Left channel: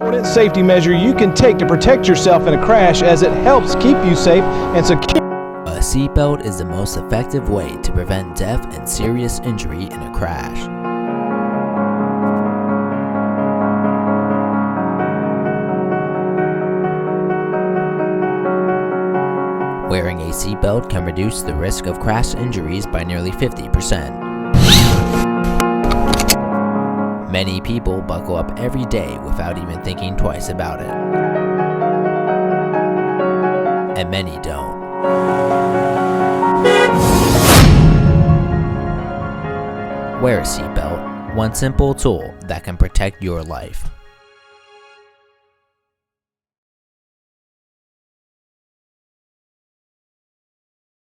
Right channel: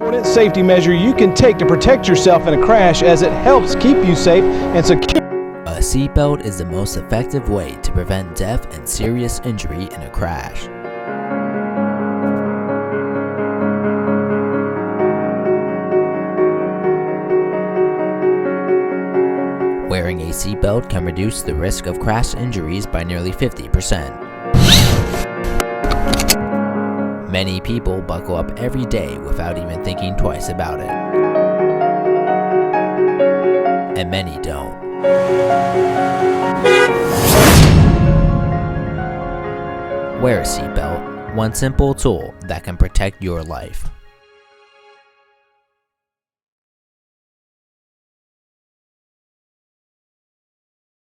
Important safety measure you can take to protect yourself in a crash, as it helps keep you safe and secure. A seatbelt is the most effective way to prevent death and serious injury in a crash. Wearing a seatbelt can reduce the risk of crash injuries by nearly 50%. Many people buckle up every day without even thinking twice about it. And many don't. Wear a seatbelt, one simple tool that can protect your life.